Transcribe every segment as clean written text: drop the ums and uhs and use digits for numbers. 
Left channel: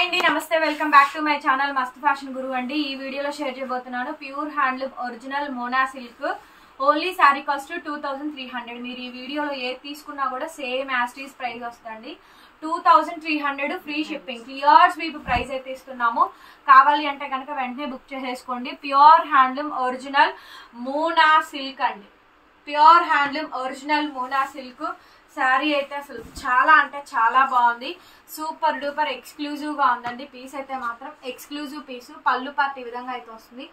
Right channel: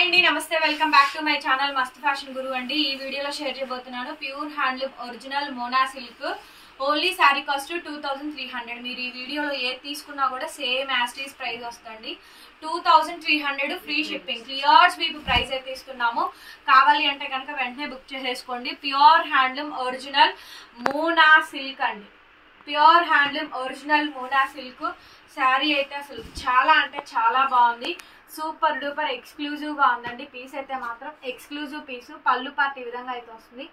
Hi అండి, నమస్తే. Welcome back to my channel మస్త్ ఫ్యాషన్ గురు అండి. ఈ వీడియోలో షేర్ చేయబోతున్నాను pure handloom original Mona silk. Only sari cost 2300. మీరు ఈ వీడియోలో ఏది తీసుకున్నా కూడా సేమ్ యాస్టీస్ ప్రైస్ వస్తుంది. 2300 free shipping, clear sweep price అయితే ఇస్తున్నాము. కావాలి అంటే కనుక వెంటనే బుక్ చేసేసుకోండి. Pure handloom original Mona silk అండి. Pure handloom original Mona silk sari అయితే అసలు చాలా అంటే చాలా బాగుంది. సూపర్ డూపర్ ఎక్స్క్లూజివ్ గా ఉందండి. పీస్ అయితే మాత్రం ఎక్స్క్లూజివ్ పీసు. పళ్ళు పార్ట్ ఈ విధంగా అయితే వస్తుంది.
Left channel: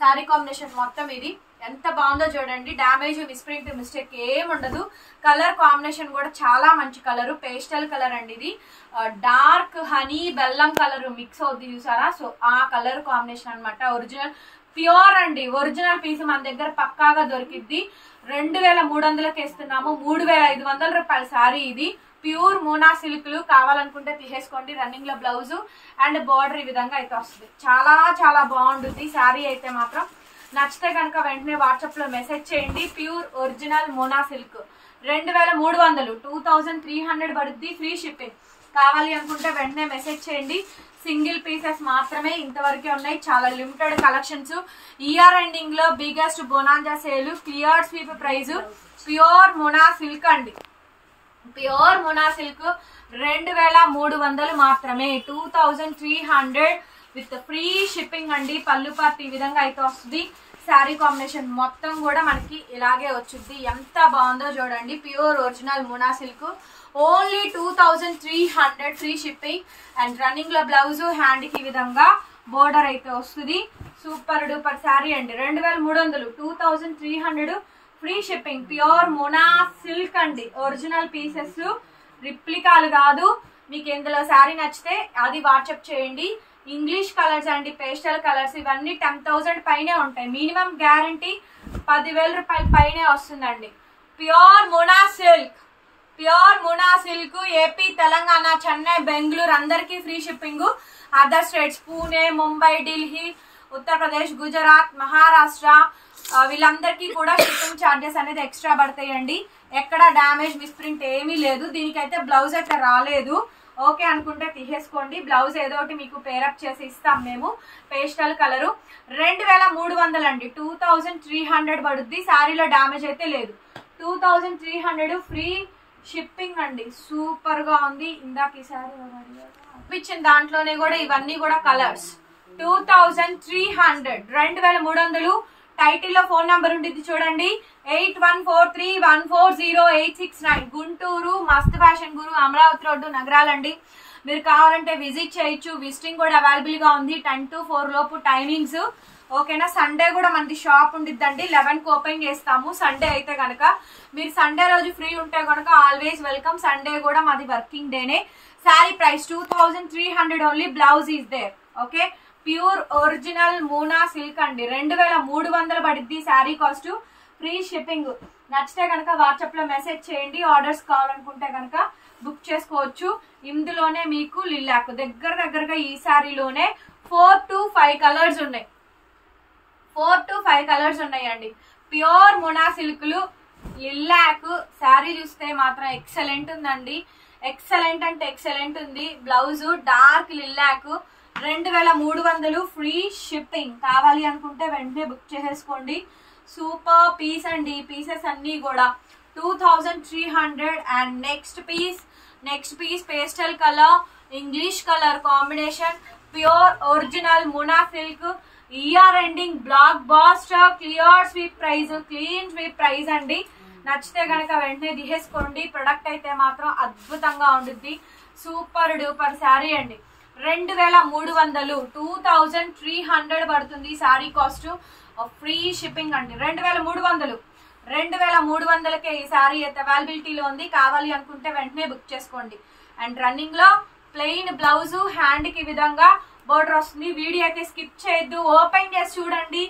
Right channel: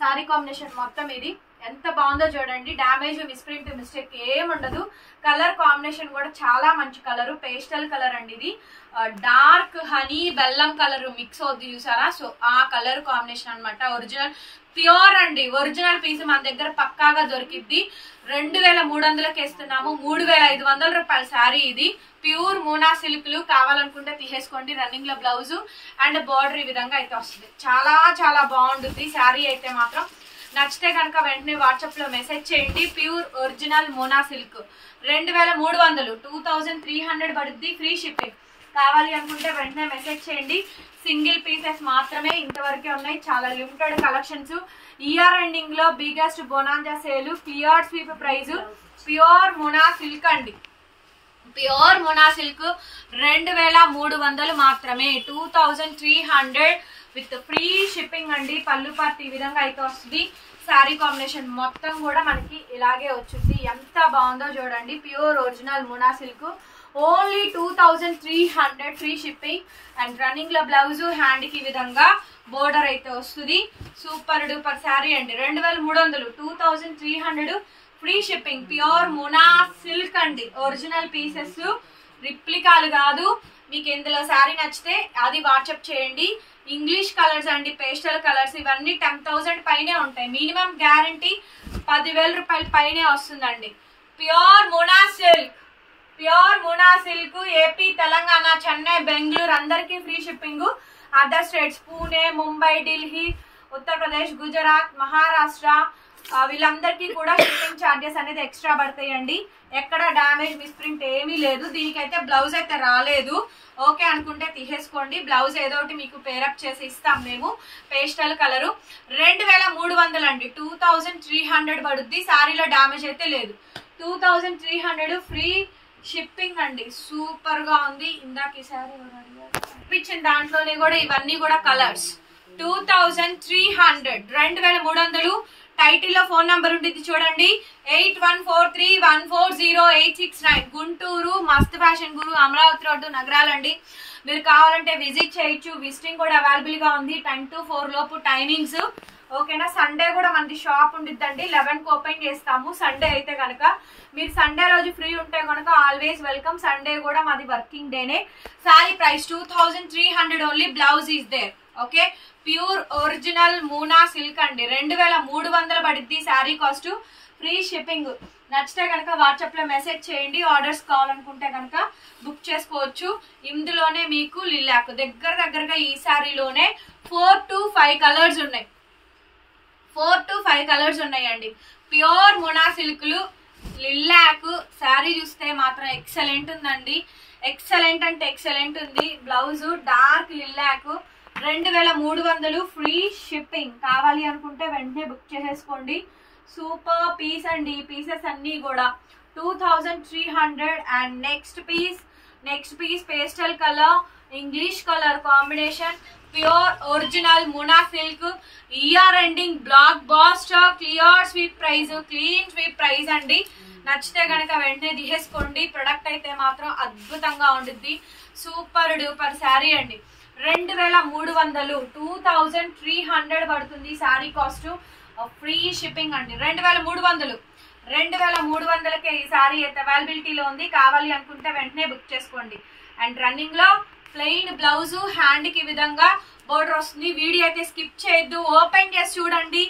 శారీ కాంబినేషన్ మొత్తం ఇది ఎంత బాగుందో చూడండి. డ్యామేజ్, మిస్ప్రింట్, మిస్టేక్ ఏం ఉండదు. కలర్ కాంబినేషన్ కూడా చాలా మంచి కలర్, పేస్టల్ కలర్ అండి. ఇది డార్క్ హనీ బెల్లం కలర్ మిక్స్ అవుద్ది చూసారా. సో ఆ కలర్ కాంబినేషన్ అనమాట. ఒరిజినల్ ప్యూర్ అండి. ఒరిజినల్ పీస్ మన దగ్గర పక్కాగా దొరికిద్ది. 2300కి ఇస్తున్నాము. 3500 రూపాయల శారీ ఇది. ప్యూర్ మోనా సిల్క్లు కావాలనుకుంటే తీసేసుకోండి. రన్నింగ్ లో బ్లౌజ్ అండ్ బార్డర్ ఈ విధంగా అయితే వస్తుంది. చాలా చాలా బాగుంటుంది శారీ అయితే మాత్రం. నచ్చితే కనుక వెంటనే వాట్సాప్ లో మెసేజ్ చేయండి. ప్యూర్ ఒరిజినల్ మోనా సిల్క్ 2300, 2300 పడుద్ది. Free shipping. కావాలి అనుకుంటే వెంటనే మెసేజ్ చేయండి. సింగిల్ పీసెస్ మాత్రమే ఇంతవరకే ఉన్నాయి. చాలా లిమిటెడ్ కలెక్షన్స్. ఇయర్ ఎండింగ్ లో biggest bonanza sale, clear sweep prize. Pure Mona silk అండి. ప్యూర్ మోనా సిల్క్ 2300 మాత్రమే. 2300 విత్ ఫ్రీ షిప్పింగ్ అండి. పళ్ళు పార్ట్ ఈ విధంగా అయితే వస్తుంది. శారీ కాంబినేషన్ మొత్తం కూడా మనకి ఇలాగే వచ్చింది. ఎంత బాగుందో చూడండి. Pure original Mona silk only 2300 free shipping. And running లో బ్లౌజ్, హ్యాండ్ కి ఈ విధంగా బోర్డర్ అయితే వస్తుంది. సూపర్ డూపర్ శారీ అండి. 2300, 2300 free shipping. Pure Mona silk అండి. ఒరిజినల్ పీసెస్, రిప్లికాలు కాదు. మీకు ఇందులో శారీ నచ్చితే అది వాట్సాప్ చేయండి. ఇంగ్లీష్ కలర్స్ అండి, పేస్టల్ కలర్స్. ఇవన్నీ 10,000 పైనే ఉంటాయి. మినిమం గ్యారంటీ 10,000 రూపాయల పైనే వస్తుందండి. Pure Mona silk. Pure Mona silk AP, Telangana, Chennai, Bengaluru అందరికీ free shipping. Other states Pune, Mumbai, Delhi, Uttar Pradesh, Gujarat, Maharashtra వీళ్ళందరికీ కూడా షిప్పింగ్ ఛార్జెస్ అనేది ఎక్స్ట్రా పడతాయండి. ఎక్కడ డ్యామేజ్, మిస్ప్రింట్ ఏమీ లేదు. దీనికైతే బ్లౌజ్ అయితే రాలేదు. ఓకే అనుకుంటే తీసేసుకోండి. బ్లౌజ్ ఏదో ఒకటి మీకు పేరప్ చేసి ఇస్తాం మేము. పేస్టల్ కలరు 2300 అండి. 2300 పడుద్ది. శారీలో డ్యామేజ్ అయితే లేదు. 2300 ఫ్రీ షిప్పింగ్ అండి. సూపర్ గా ఉంది. ఇందాక ఈ శారీ ఇచ్చిన దాంట్లోనే కూడా ఇవన్నీ కూడా కలర్స్. 2300, 2300. టైటిల్ లో ఫోన్ నంబర్ ఉంటుంది చూడండి. 8143140869. గుంటూరు మస్త్ ఫ్యాషన్ గురు, అమరావతి రోడ్డు, నగరాలండి. మీరు కావాలంటే విజిట్ చేయొచ్చు. విజిటింగ్ కూడా అవైలబుల్ గా ఉంది. 10 to 4 లోపు టైమింగ్స్. ఓకేనా. సండే కూడా మనది షాప్ ఉండిద్దండి. 11కి ఓపెన్ చేస్తాము. సండే అయితే కనుక మీరు సండే రోజు ఫ్రీ ఉంటే కనుక ఆల్వేస్ వెల్కమ్. సండే కూడా మాది వర్కింగ్ డేనే. Sari price 2300 only. Blouse is there. Okay. Pure original Mona silk అండి. 2300 పడిద్ది శారీ కాస్ట్. Free shipping. నచ్చితే కనుక వాట్సాప్ లో మెసేజ్ చేయండి. ఆర్డర్స్ కావాలనుకుంటే కనుక బుక్ చేసుకోవచ్చు. ఇందులోనే మీకు లిల్లాక్ దగ్గరగా ఈ శారీలోనే 4 to 5 కలర్స్ ఉన్నాయి. 4 to 5 కలర్స్ ఉన్నాయండి. ప్యూర్ మోనా సిల్క్లు లిల్లాక్. శారీ చూస్తే మాత్రం ఎక్సలెంట్ ఉందండి. ఎక్సలెంట్ అంటే ఎక్సలెంట్ ఉంది. Blouse dark lilac. 2300 free shipping. కావాలి అనుకుంటే వెంటనే బుక్ చేసేసుకోండి. సూపర్ పీస్ అండి. పీసెస్ అన్ని కూడా 2300. And next piece pastel colour, English colour combination. Pure original Mona silk. Year ending blockbuster, clear sweep prize, clean sweep prize అండి. నచ్చితే కనుక వెంటనే తీసేసుకోండి. ప్రొడక్ట్ అయితే మాత్రం అద్భుతంగా ఉంటుంది. సూపర్ డూపర్ శారీ అండి. 2300, 2300 పడుతుంది శారీ కాస్ట్. ఫ్రీ షిప్పింగ్ అండి. 2300, 2300కే ఈ శారీ అయితే అవైలబిలిటీలో ఉంది. కావాలి అనుకుంటే వెంటనే బుక్ చేసుకోండి. అండ్ రన్నింగ్ లో ప్లెయిన్ బ్లౌజ్, హ్యాండ్ కి విధంగా బోర్డర్ వస్తుంది. వీడియో అయితే స్కిప్ చేయొద్దు. ఓపెన్ చేసి చూడండి.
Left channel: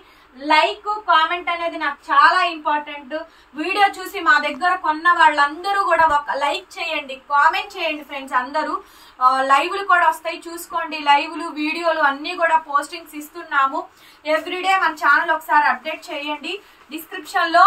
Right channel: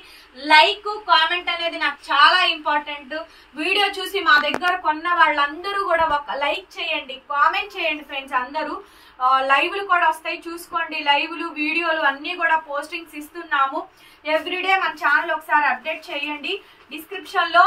లైక్, కామెంట్ అనేది నాకు చాలా ఇంపార్టెంట్. వీడియో చూసి మా దగ్గర కొన్న వాళ్ళందరూ కూడా ఒక లైక్ చేయండి, కామెంట్ చేయండి ఫ్రెండ్స్. అందరూ లైవ్లు కూడా వస్తాయి, చూసుకోండి. లైవ్లు, వీడియోలు అన్ని కూడా పోస్టింగ్స్ ఇస్తున్నాము. ఎవ్రీడే మన ఛానల్ ఒకసారి అప్డేట్ చేయండి. డిస్క్రిప్షన్ లో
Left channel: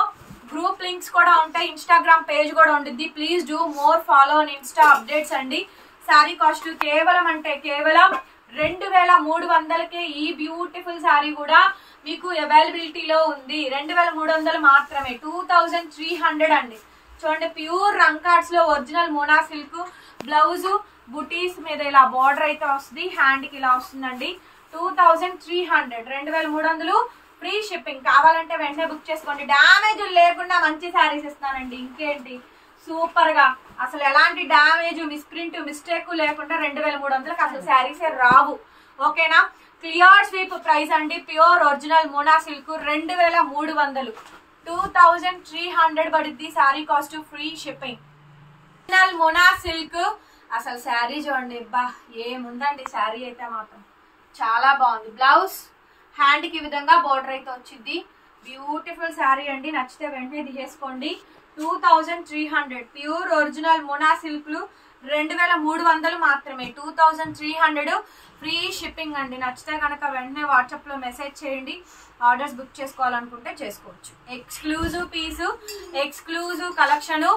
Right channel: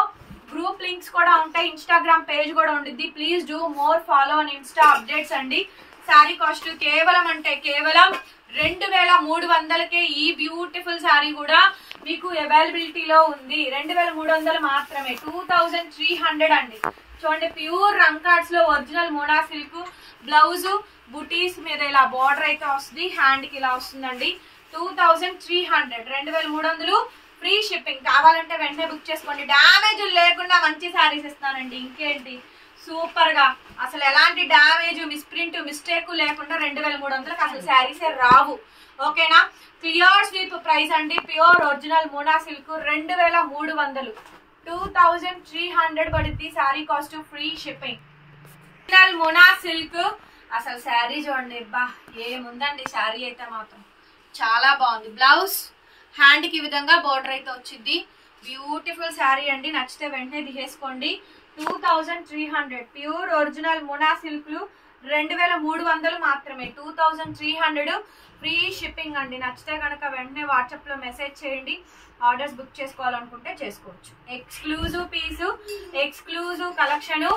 గ్రూప్ లింక్స్ కూడా ఉంటాయి. ఇన్స్టాగ్రామ్ పేజ్ కూడా ఉంటుంది. Please do more follow on Insta updates అండి. శారీ కాస్ట్ కేవలం అంటే కేవలం 2300కే ఈ బ్యూటిఫుల్ సారీ కూడా మీకు అవైలబిలిటీలో ఉంది. 2300 మాత్రమే, 2300 అండి. చూడండి, ప్యూర్ రంకాట్స్ లో ఒరిజినల్ మోనా సిల్క్. బ్లౌజ్ బుటీస్ మీద ఇలా బార్డర్ అయితే వస్తుంది, హ్యాండ్ కి ఇలా వస్తుందండి. 2300, 2300 ఫ్రీ షిప్పింగ్. కావాలంటే వెంటనే బుక్ చేసుకోండి. డ్యామేజ్ లేకుండా మంచి శారీస్ ఇస్తానండి. ఇంకేంటి, సూపర్ గా అసలు ఎలాంటి డ్యామేజ్, మిస్ప్రింట్, మిస్టేక్ లేకుండా 2300కి అసలు శారీసే రావు. ఓకేనా? క్లియర్ స్వీప్ ప్రైస్ అండి. ప్యూర్ ఒరిజినల్ మోనా సిల్క్ 2300, 2300 పడుద్ది sari cost, free shipping. Original Mona silk. అసలు శారీ చూడండి, బా ఏముందండి శారీ అయితే మాత్రం చాలా బాగుంది. బ్లౌజ్ హ్యాండ్ కి విధంగా బార్డర్ అయితే వచ్చింది. బ్యూటిఫుల్ శారీ అండి. నచ్చితే వెంటనే తీసేసుకోండి. 2300 ప్యూర్ ఒరిజినల్ మోనా సిల్క్లు 2300 మాత్రమే, 2300 ఫ్రీ షిప్పింగ్ అండి. నచ్చితే కనుక వెంటనే వాట్సాప్ లో మెసేజ్ చేయండి. ఆర్డర్స్ బుక్ చేసుకోవాలనుకుంటే చేసుకోవచ్చు. ఎక్స్క్లూజివ్ పీసు, ఎక్స్క్లూజివ్ కలెక్షన్,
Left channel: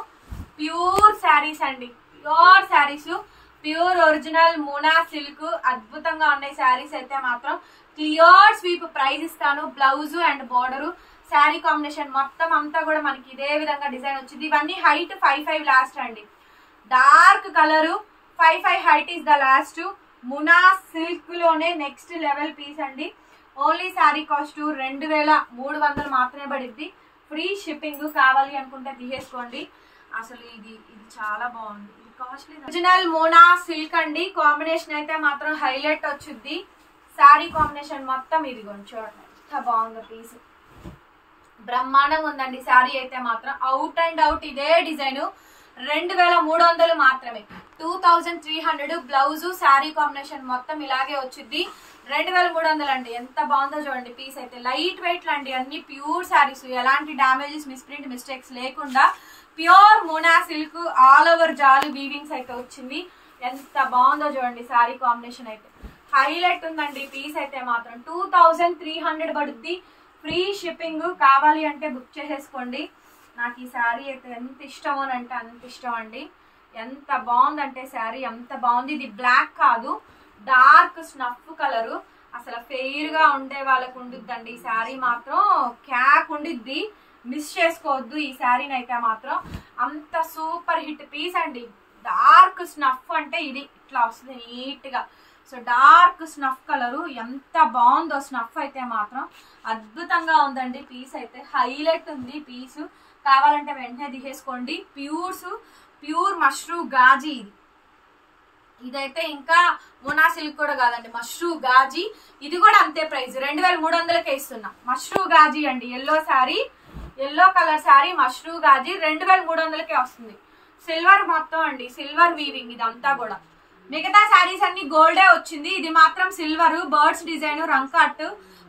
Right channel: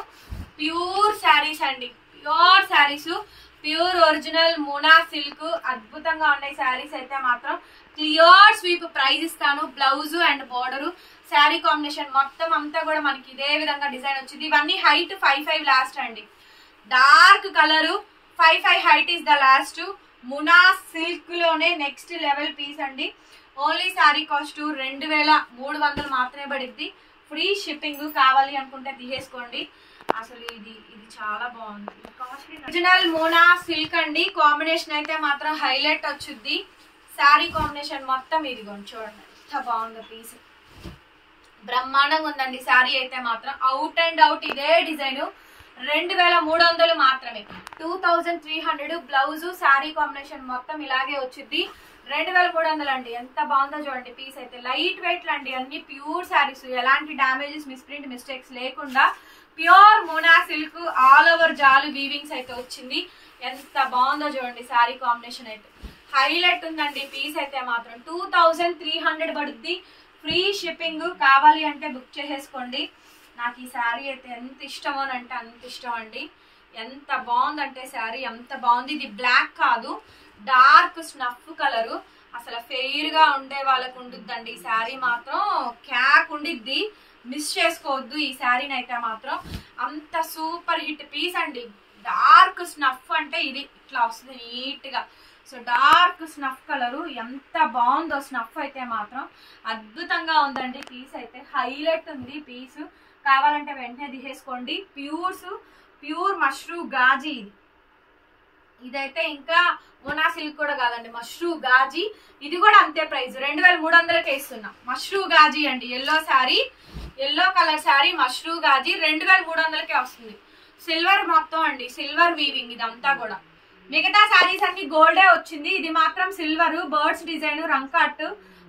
ప్యూర్ శారీస్ అండి. Pure saris, pure original Mona silk. అద్భుతంగా ఉన్నాయి శారీస్ అయితే మాత్రం. క్లియర్ స్వీప్ ప్రైస్ ఇస్తాను. Blouse and border, sari combination మొత్తం అంతా కూడా మనకి ఇదే విధంగా డిజైన్ వచ్చింది. ఇవన్నీ హైట్ 5'5" లాస్ట్ అండి. Dark colour 5'5" height is the last. Mona silk లోనే నెక్స్ట్ లెవెల్ పీస్ అండి. ఓన్లీ శారీ కాస్ట్ 2300 మాత్రమే పడుద్ది. Free shipping. కావాలి అనుకుంటే తీసేసుకోండి. అసలు ఇది చాలా బాగుంది. ఒరిజినల్ మోనా సిల్క్ అండి. కాంబినేషన్ అయితే మాత్రం హైలైట్ వచ్చుద్ది. శారీ కాంబినేషన్ మొత్తం ఇదిగోండి, చూడండి ఎంత బాగుందో పీస్. బ్రహ్మాండంగా ఉందండి శారీ అయితే మాత్రం. అవుట్ అండ్ అవుట్ ఇదే డిజైన్. 2300 మాత్రమే, 2300. బ్లౌజ్ శారీ కాంబినేషన్ మొత్తం ఇలాగే వచ్చింది. 2300 అండి. ఎంత బాగుందో చూడండి పీస్ అయితే. లైట్ వెయిట్ అండి. అన్ని ప్యూర్ శారీస్, ఎలాంటి డామేజెస్, మిస్ప్రింట్, మిస్టేక్స్ లేకుండా pure Mona silk. All over జాలు వీవింగ్స్ అయితే వచ్చింది. ఎంత బాగుందో చూడండి శారీ కాంబినేషన్ అయితే. హైలైట్ ఉందండి పీస్ అయితే మాత్రం. 2300 పడుద్ది. Free shipping. కావాలి అంటే బుక్ చేసేసుకోండి. నాకు ఈ శారీ అయితే ఎంత ఇష్టమో అంటే అంత ఇష్టం అండి. ఎంత బాగుందంటే శారీ ఎంత బాగుంది. ఇది బ్లాక్ కాదు, డార్క్ స్నఫ్ కలరు. అసలు ఫెయిర్ గా ఉండే వాళ్ళకు ఉండిద్దండి ఈ శారీ మాత్రం. క్యాక్ ఉండిద్ది, మిస్ చేసుకోవద్దు ఈ శారీని అయితే మాత్రం. అంత సూపర్ హిట్ పీస్ అండి. డార్క్ స్నఫ్ అంటే ఇది ఇట్లా వస్తుంది నీట్ గా. సో డార్క్ స్నఫ్ కలరు ఎంత బాగుందో. స్నఫ్ అయితే మాత్రం అద్భుతంగా ఉందండి పీస్ అయితే. హైలైట్ ఉంది పీసు. కావాలంటే వెంటనే తీసేసుకోండి. ప్యూర్ మష్రూ గాజీ. ఇదైతే ఇంకా మోనా సిల్క్ కూడా కాదండి, మష్రూ గాజీ. ఇది కూడా అంతే ప్రైస్, 2300కే ఇస్తున్నాం. మష్రూ గాజీ అండి. Yellow sari, yellow colour sari, Mashru Gaji 2300కే వస్తుంది. సిల్వర్ మొత్తం అండి, సిల్వర్ వీవింగ్ ఇదంతా కూడా. మిగతా శారీస్ అన్ని గోల్డే వచ్చింది. ఇది మాత్రం silver, birds design, Rangkat,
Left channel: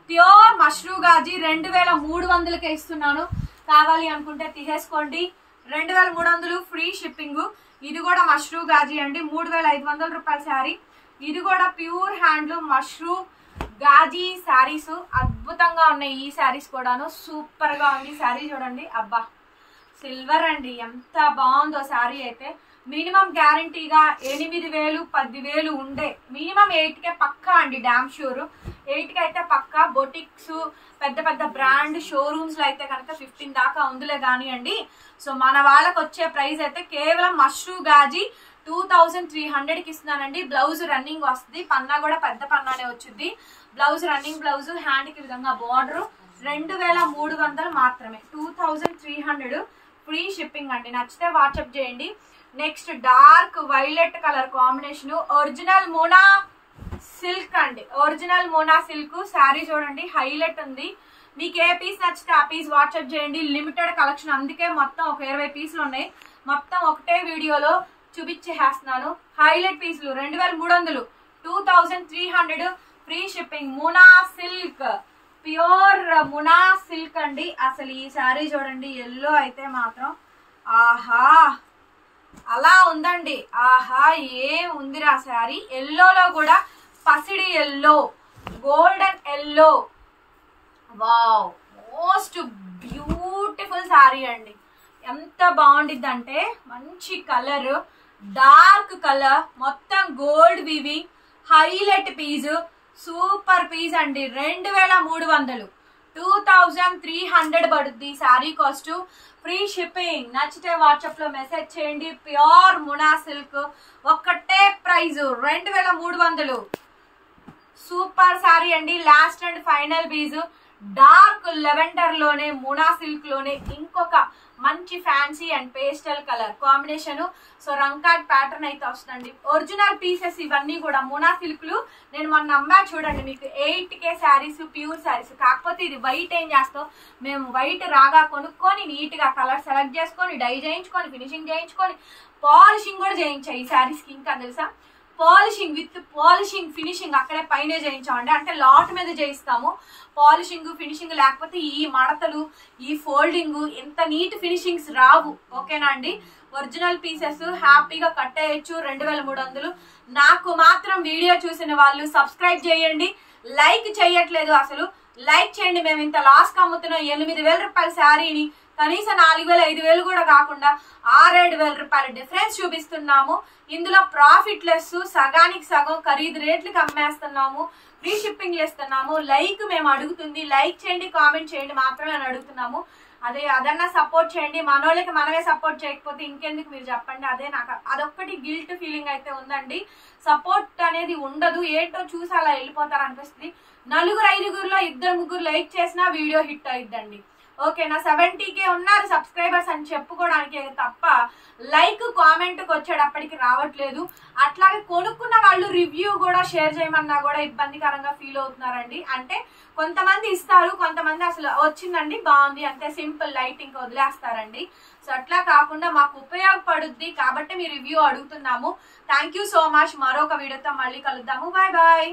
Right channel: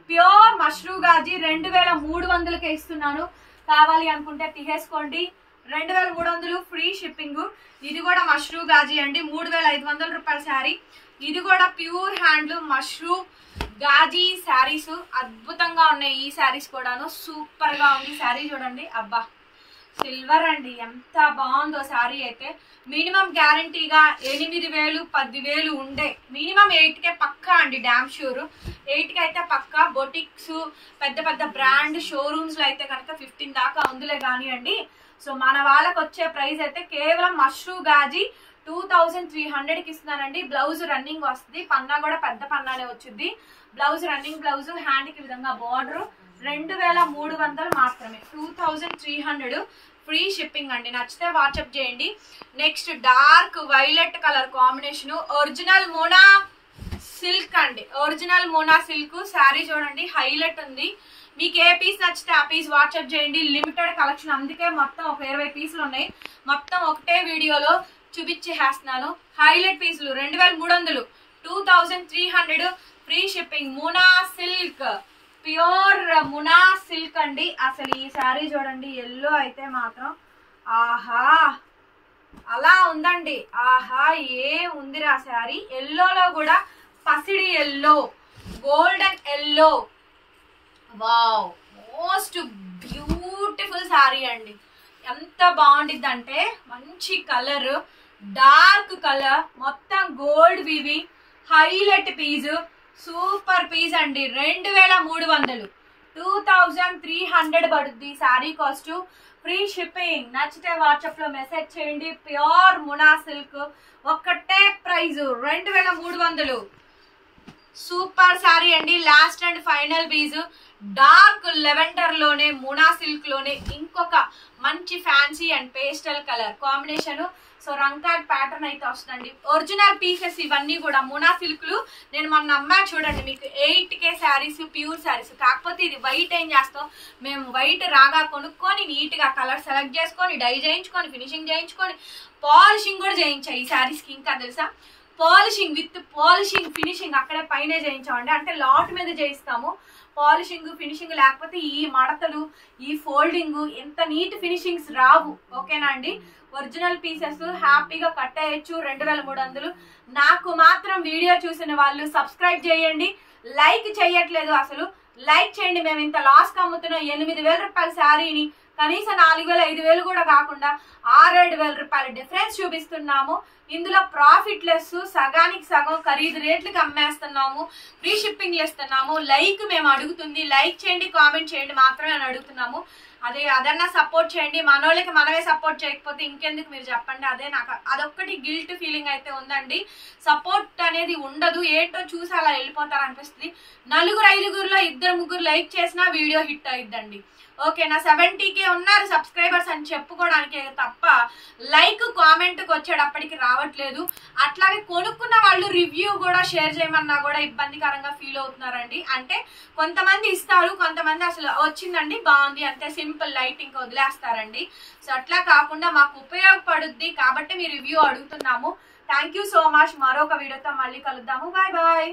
pure Mashru Gaji 2300కే ఇస్తున్నాను. కావాలి అనుకుంటే తీసేసుకోండి. 2300 ఫ్రీ షిప్పింగ్. ఇది కూడా మష్రూ గాజీ అండి. 3500 రూపాయల శారీ. ఇది కూడా ప్యూర్ హ్యాండ్లూమ్ మష్రూ గాజీ శారీస్. అద్భుతంగా ఉన్నాయి ఈ శారీస్ కూడాను. సూపర్ గా ఉంది శారీ చూడండి. అబ్బా సిల్వర్ అండి, ఎంత బాగుందో శారీ అయితే. మినిమం గ్యారంటీగా 8000 10,000 ఉండే, మినిమం 8కే పక్కా అండి. డామ్ షూర్ 8కి అయితే పక్కా. బొటిక్స్, పెద్ద పెద్ద బ్రాండ్ షోరూమ్స్ లో అయితే కనుక 15 దాకా ఉందిలే కానివ్వండి. సో మన వాళ్ళకి వచ్చే ప్రైస్ అయితే కేవలం మష్రూ గాజీ 2300కి ఇస్తున్నానండి. బ్లౌజ్ రన్నింగ్ వస్తుంది. పన్నా కూడా పెద్ద పన్నానే వచ్చింది. బ్లౌజ్ రన్నింగ్ బ్లౌజ్, హ్యాండ్ కి విధంగా బార్డర్. 2300 మాత్రమే, 2300 ఫ్రీ షిప్పింగ్ అండి. నచ్చితే వాట్సాప్ చేయండి. Next dark violet colour combination, original Mona silk అండి. ఒరిజినల్ మోనా సిల్క్ శారీ చూడండి, హైలైట్ ఉంది. మీకు ఏ పీస్ నచ్చితే ఆ పీస్ వాట్సాప్ చేయండి. లిమిటెడ్ కలెక్షన్, అందుకే మొత్తం ఒక 20 పీసులు ఉన్నాయి. మొత్తం ఒకటే వీడియోలో చూపించేస్తున్నాను. హైలైట్ పీసులు 2300, 2300 free shipping. Mona silk, pure Mona silk అండి. అసలు ఈ శారీ చూడండి, ఎల్లో అయితే మాత్రం ఆహా అలా ఉందండి. ఆహా ఏ ఉందిరా శారీ. ఎల్లోలో కూడా పసిడి yellow, golden yellow. Wow, most beautiful sari అండి. ఎంత బాగుండిద్ది అంటే మంచి కలర్, డార్క్ కలర్, మొత్తం గోల్డ్ వివి, హైలైట్ పీస్, సూపర్ పీస్ అండి. 2300, 2300 పడుద్ది శారీ కాస్ట్. Free shipping. నచ్చితే వాట్సాప్ లో మెసేజ్ చేయండి. ప్యూర్ మునా సిల్క్ ఒక్కటే ప్రైజ్ 2300. సూపర్ శారీ అండి. Last and final piece dark lavender లోనే మునా సిల్క్ లోనే ఇంకొక మంచి fancy and pastel colour combination. So Rangkat pattern అయితే వస్తుందండి. ఒరిజినల్ పీసెస్ ఇవన్నీ కూడా మునా సిల్క్లు. నేను మొన్న అమ్మా చూడండి మీకు 8K శారీస్, ప్యూర్ శారీస్. కాకపోతే ఇది వైట్ ఏం చేస్తాం మేము, వైట్ రాగా కొనుక్కొని నీట్ గా కలర్ సెలెక్ట్ చేసుకొని డై చేయించుకొని ఫినిషింగ్ చేయించుకొని పాలిషింగ్ కూడా చేయించాయి ఈ శారీస్కి. ఇంకా తెలుసా, పాలిషింగ్ విత్ పాలిషింగ్ ఫినిషింగ్ అక్కడే పైనే చేయించామండి. అంటే లాట్ మీద చేయిస్తాము. పాలిషింగ్ ఫినిషింగ్ లేకపోతే ఈ మడతలు, ఈ ఫోల్డింగ్, ఎంత నీట్ ఫినిషింగ్స్ రావు. ఓకేనా అండి. ఒరిజినల్ పీసెస్ హ్యాపీగా కట్టేయచ్చు. 2300. నాకు మాత్రం వీడియో చూసిన వాళ్ళు సబ్స్క్రైబ్ చేయండి. లైక్ చేయట్లేదు అసలు. లైక్ చేయండి. మేము ఇంత లాస్ కి అమ్ముతున్నాం 8000 రూపాయల శారీని కనీసం 4000, 5000 కూడా కాకుండా 6-7 రూపాయల డిఫరెన్స్ చూపిస్తున్నాము. ఇందులో ప్రాఫిట్ లెస్, సగానికి సగం ఖరీదు రేట్లకి అమ్మేస్తున్నాము. ఫ్రీ షిప్పింగ్ ఇస్తున్నాము. లైక్ మేము అడుగుతుంది. లైక్ చేయండి, కామెంట్ చేయండి మాత్రమే అని అడుగుతున్నాము. అదన్నా సపోర్ట్ చేయండి. మనోళ్ళకి మనమే సపోర్ట్ చేయకపోతే ఇంకెందుకు మీరు చెప్పండి. అదే నాకు అదొక్కటి గిల్ట్ ఫీలింగ్ అయితే ఉందండి. సపోర్ట్ అనేది ఉండదు. ఏంటో చూసి అలా వెళ్ళిపోతారు అనిపిస్తుంది. 4-5 2-3 లైక్ చేసినా వీడియో హిట్ అయిద్దండి. ఓకేనా. 70K ఉన్నారు సబ్స్క్రైబర్స్ అని చెప్పుకోవడానికి తప్ప లైక్ కామెంట్కి వచ్చేటప్పటికి రావట్లేదు. అట్లాగే కొనుక్కున్న వాళ్ళు రివ్యూ కూడా షేర్ చేయమన్నా కూడా ఇబ్బందికరంగా ఫీల్ అవుతున్నారండి. అంటే కొంతమంది ఇస్తారు, కొంతమంది అసలు వచ్చిందండి బాగుంది అంతే సింపుల్ లైటింగ్ వదిలేస్తారండి. సో అట్లా కాకుండా మాకు ఉపయోగపడుద్ది కాబట్టి మీ రివ్యూ అడుగుతున్నాము. Thank you so much. మరొక వీడియోతో మళ్ళీ కలుద్దాము. Bye bye.